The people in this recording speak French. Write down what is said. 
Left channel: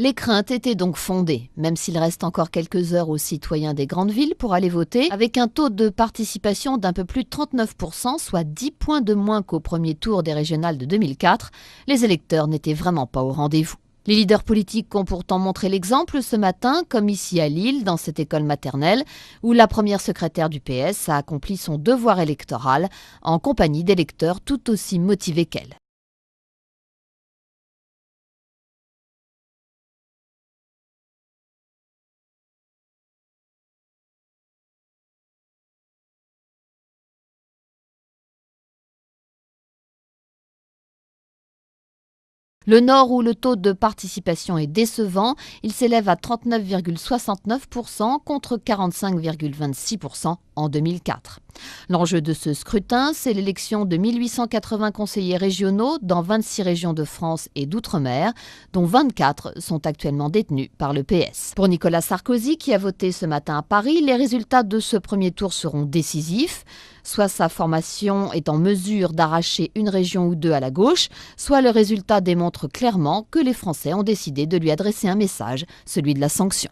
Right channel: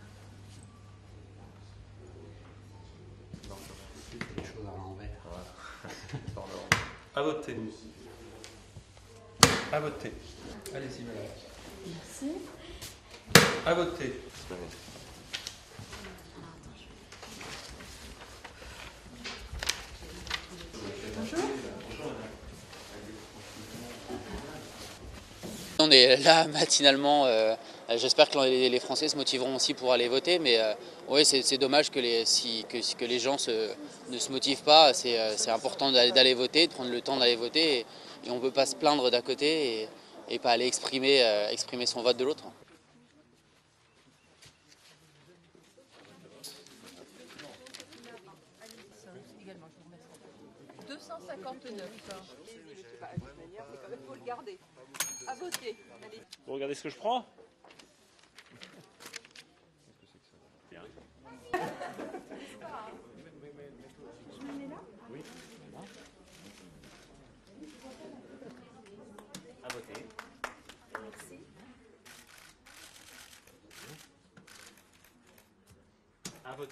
Les craintes étaient donc fondées, même s'il reste encore quelques heures aux citoyens des grandes villes pour aller voter, avec un taux de participation d'un peu plus de 39%, soit 10 points de moins qu'au premier tour des régionales de 2004, les électeurs n'étaient vraiment pas au rendez-vous. Les leaders politiques ont pourtant montré l'exemple ce matin, comme ici à Lille, dans cette école maternelle, où la première secrétaire du PS a accompli son devoir électoral en compagnie d'électeurs tout aussi motivés qu'elle. On est là matinalement. J'espère que les Français se motiveront aussi pour aller voter, mais oui, c'est dommage que les gens ne se motivent pas. C'est important d'aller voter, de prendre le temps d'aller voter, et on ne peut pas se plaindre d'un côté et pas aller exprimer son vote de l'autre. Le Nord, où le taux de participation est décevant, il s'élève à 39,69% contre 45,26% en 2004. L'enjeu de ce scrutin, c'est l'élection de 1880 conseillers régionaux dans 26 régions de France et d'outre-mer, dont 24 sont actuellement détenus par le PS. Pour Nicolas Sarkozy, qui a voté ce matin à Paris, les résultats de ce premier tour seront décisifs. Soit sa formation est en mesure d'arracher une région ou deux à la gauche, soit le résultat démontre clairement que les Français ont décidé de lui adresser un message, celui de la sanction.